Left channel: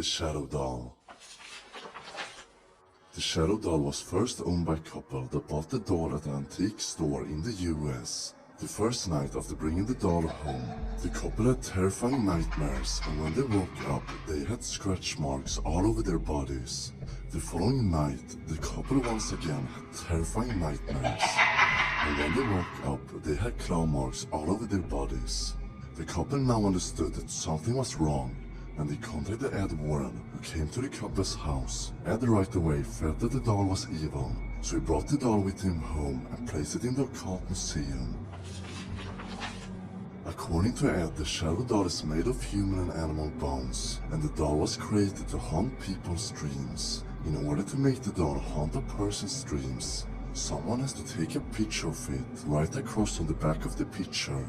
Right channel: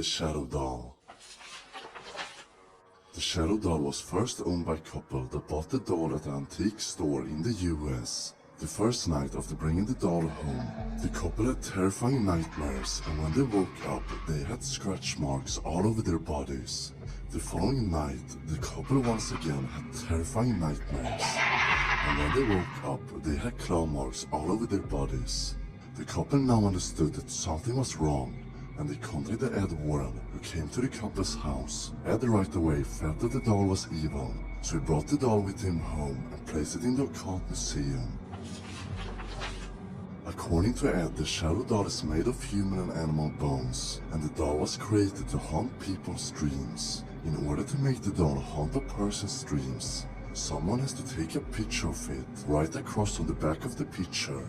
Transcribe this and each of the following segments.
The Shadow Doll. The Shadow Doll was first owned by a couple that bought the doll at an antique store in the US. The first night after bringing the doll home, the couple had terrifying nightmares, and when they woke up, they had scratch marks all over their bodies. The following night, the couple once again had terrifying nightmares, and when they woke up, they had claw marks all over their bodies. The couple now understood that something was wrong, and they contacted Ed Warren, who came to the couple's house. Ed right away felt that the doll was evil, so he brought the doll with him home and placed it in the Occult Museum. According to Ed, the Shadow Doll is made of human and animal bones, and the doll was created to haunt people's dreams. In order to make the doll haunt a person's dreams, someone has to take a picture of it, write across on the back of the picture,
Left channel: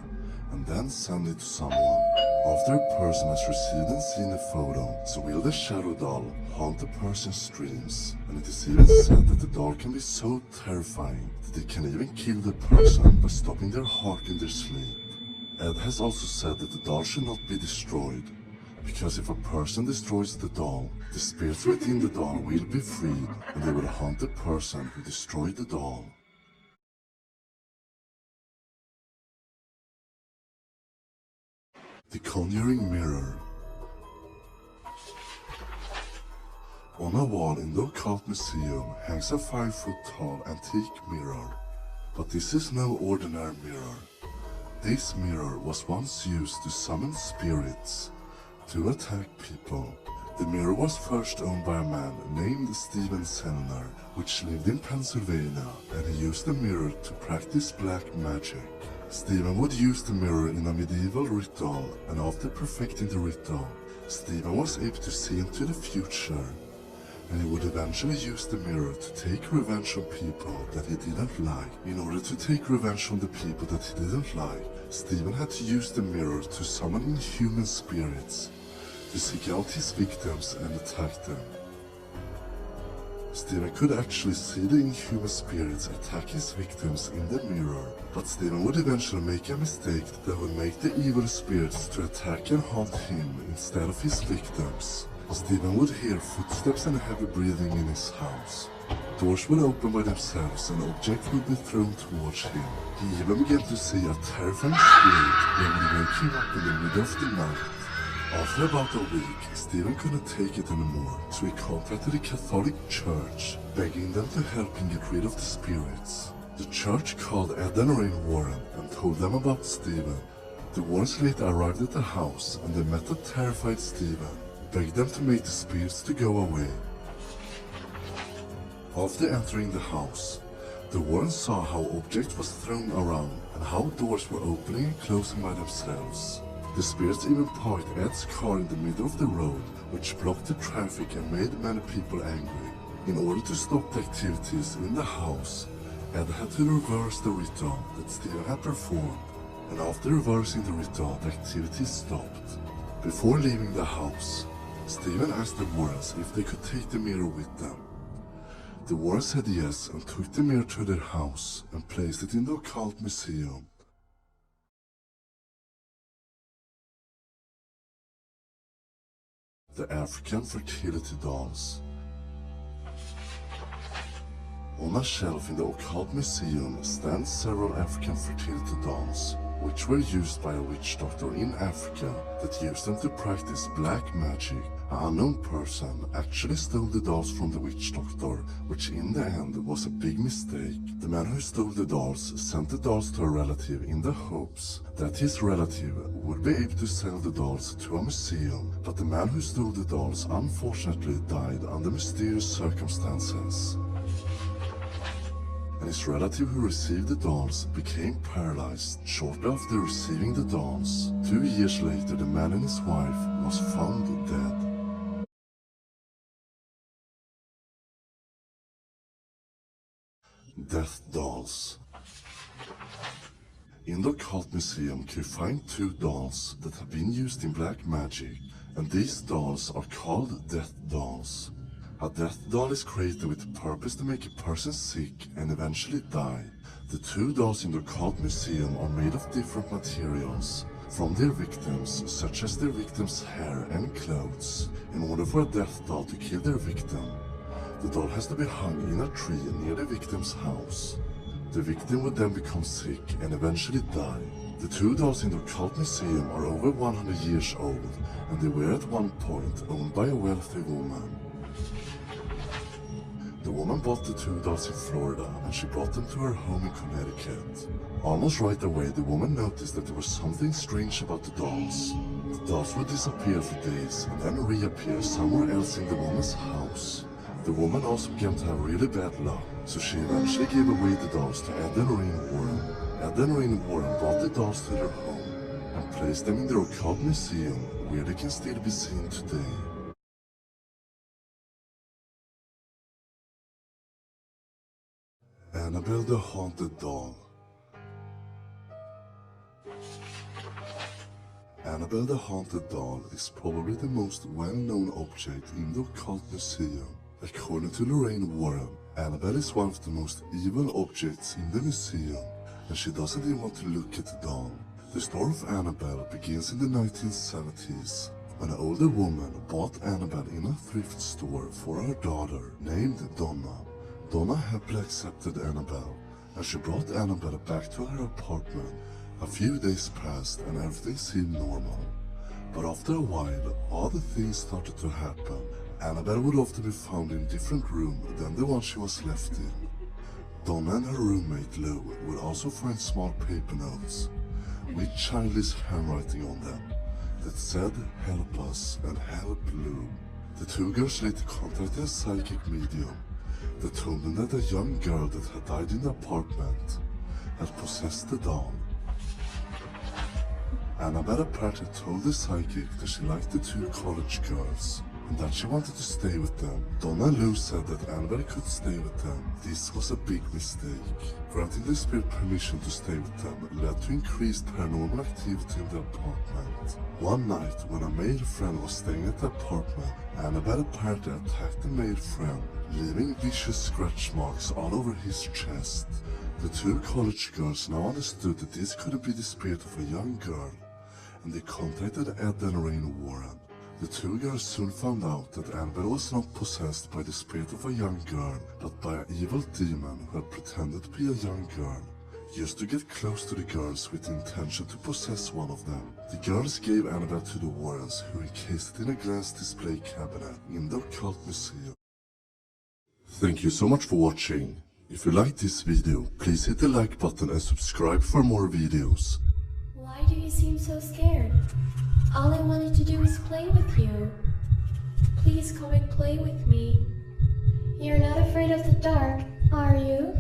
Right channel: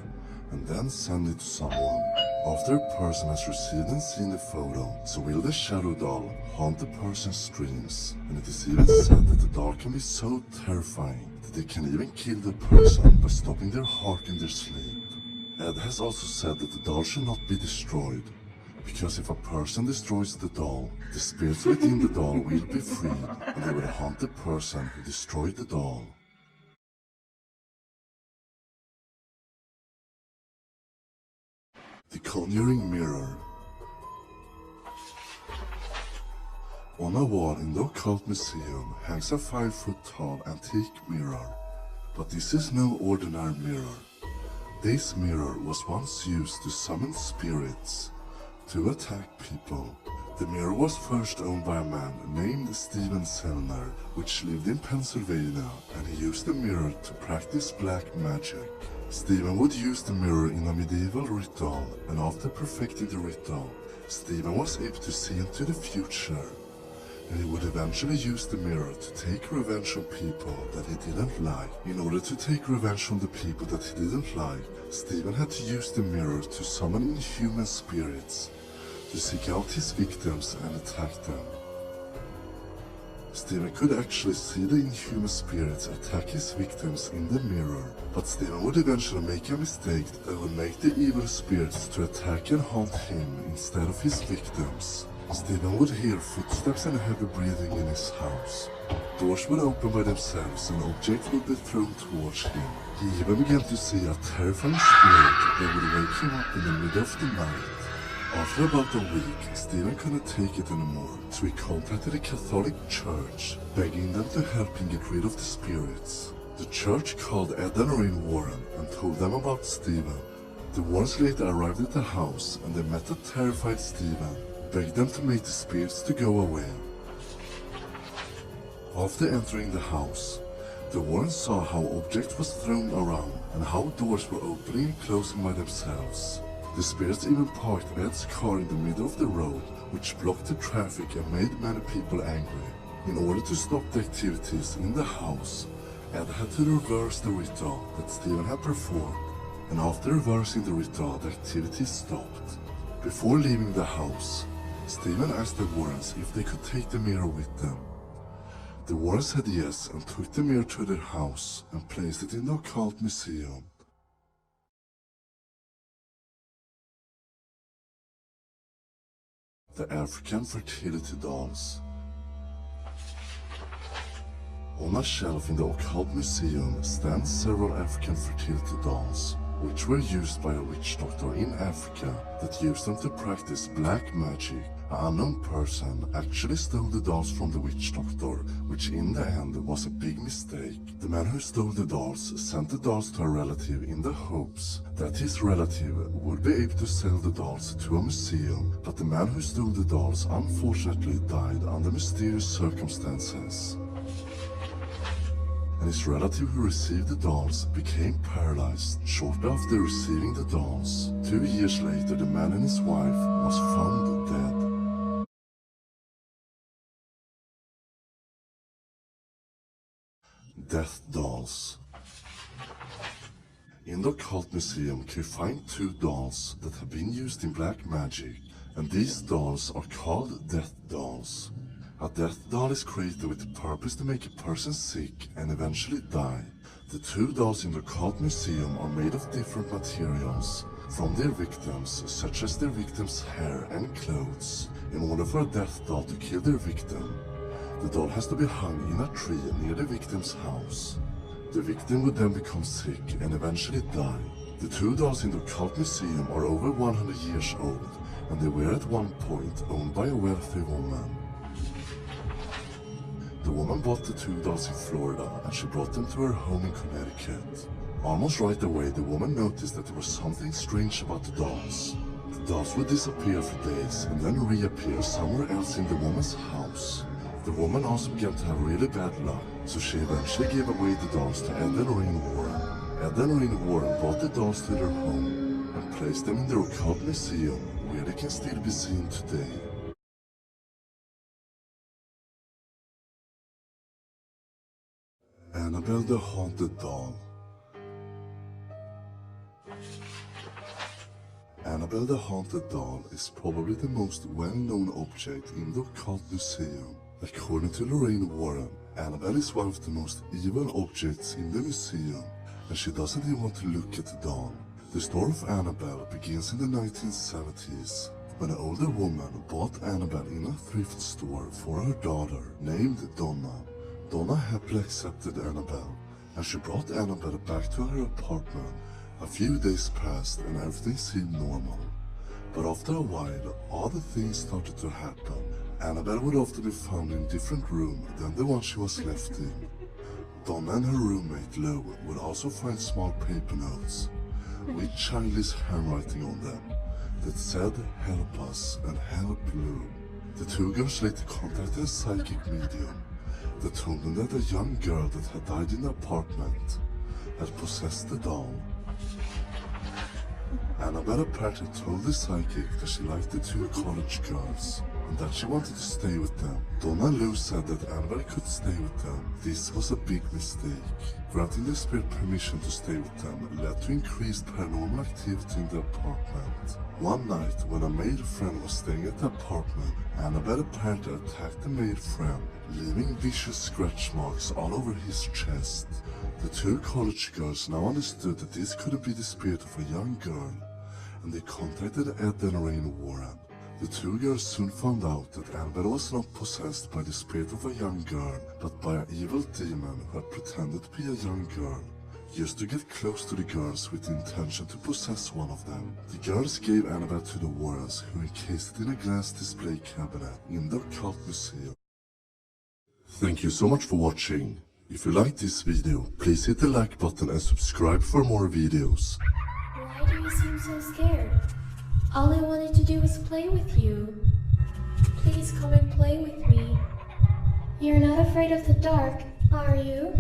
and then send it to someone. After a person has received and seen the photo, so will the Shadow Doll haunt the person's dreams. And it is even said that the doll can be so terrifying that it can even kill the person by stopping their heart in their sleep. Ed has also said that the doll should not be destroyed, because if a person destroys the doll, the spirits within the doll will be freed, and they will haunt the person who destroyed the doll. The Conjuring Mirror. On a wall in the Occult Museum hangs a 5-foot-tall antique mirror. But this is no ordinary mirror. This mirror was once used to summon spirits, to attack people. The mirror was first owned by a man named Stephen Selner, which lived in Pennsylvania, and he used the mirror to practice black magic. Stephen would use the mirror in a medieval ritual, and after perfecting the ritual, Stephen was able to see into the future, and he would eventually use the mirror to take revenge on people that he didn't like. In order to take revenge on the people that he didn't like, Stephen had to use the mirror to summon inhuman spirits, to seek out his victims and attack them. Stephen could actually see the inhuman spirits attack his victims in the mirror, but Stephen would eventually make a mistake that would make the evil spirits to attack and haunt him instead of his victims. Stephen would hear footsteps and heavy breathing in his house. Doors would open by themselves and objects would be thrown towards him. He even began to see a terrifying spirit that would wake him up in the middle of the night. After about a week, Stephen couldn't take it anymore, so he contacted the Catholic Church, begging them to help him get rid of the spirits. The church called Ed and Lorraine Warren and told them about Stephen. The Warrens later arrived at the house and they met a terrified Stephen, begged them to make the spirits to go away. After entering the house, the Warrens saw how objects was thrown around and how doors were opening and closing by themselves. The spirits even parked Ed's car in the middle of the road, which blocked the traffic and made many people angry. In order to stop the activities in the house, Ed had to reverse the ritual that Stephen had performed, and after reversing the ritual, the activities stopped. Before leaving the house, Stephen asked the Warrens if they could take the mirror with them. The Warrens said yes and took the mirror to their house and placed it in the Occult Museum. The African Fertility Dolls. On a shelf in the Occult Museum stand several African fertility dolls, which were used by a witch doctor in Africa that used them to practice black magic. An unknown person actually stole the dolls from the witch doctor, which in the end was a big mistake. The man who stole the dolls sent the dolls to a relative in the hopes that his relative would be able to sell the dolls to a museum, but the man who stole the dolls unfortunately died under mysterious circumstances. And his relative who received the dolls became paralyzed shortly after receiving the dolls. 2 years later, the man and his wife was found dead. Death Dolls. In the Occult Museum you find 2 dolls that have been used in black magic, and these dolls are called Death Dolls. A death doll is created with the purpose to make a person sick and eventually die. The 2 dolls in the Occult Museum are made of different materials. from their victims, such as their victims' hair and clothes. In order for a death doll to kill their victim, the doll has to be hung in a tree near the victim's house. The victim would then become sick and eventually die. The two dolls in the Occult Museum are over 100 years old, and they were at one point owned by a wealthy woman. The woman bought the two dolls in Florida, and she brought them to her home in Connecticut. Almost right away, the woman noticed that there was something strange about the dolls. The dolls would disappear for days and then reappear somewhere else in the woman's house. The woman also began to have really bad luck, so she eventually gave away the dolls to Ed and Lorraine Warren. Ed and Lorraine Warren brought the dolls to their home and placed them in their Occult Museum, where they can still be seen today. Annabelle the Haunted Doll. Annabelle the Haunted Doll is probably the most well-known object in the Occult Museum. According to Lorraine Warren, Annabelle is one of the most evil objects in the museum, and she doesn't even want to look at the doll. The story of Annabelle begins in the 1970s, when an older woman bought Annabelle in a thrift store for her daughter, named Donna. Donna happily accepted Annabelle, and she brought Annabelle back to her apartment. A few days passed and everything seemed normal. But after a while, other things started to happen. Annabelle would often be found in a different room than the one she was left in. Donna and her roommate Lou would also find small paper notes with childish handwriting on them that said "Help us" and "Help Lou." The two girls later contacted a psychic medium that told them that a young girl that had died in the apartment had possessed the doll. Annabelle apparently told the psychic that she liked the two college girls and that she wanted to stay with them. Donna and Lou said that Annabelle could stay with them. This was a big mistake. Granting the spirit permission to stay with them led to increased paranormal activity in the apartment. One night, when a male friend was staying at the apartment, Annabelle apparently attacked the male friend, leaving vicious scratch marks all over his chest. The two college girls now understood that this couldn't be the spirit of a young girl, and they contacted Ed and Lorraine Warren. The two girls soon found out that Annabelle was not possessed by the spirit of a young girl, but by an evil demon who had pretended to be a young girl, just to get close to the girls with the intention to possess one of them. The girls gave Annabelle to the Warrens, who encased it in a glass display cabinet in the Occult Museum. Thank you so much for watching. If you liked this video, please hit the like button and subscribe for more videos. Why do you seem so scared? All I wanted to do was play with you. Please come and play with me. You're not afraid of the dark, are you?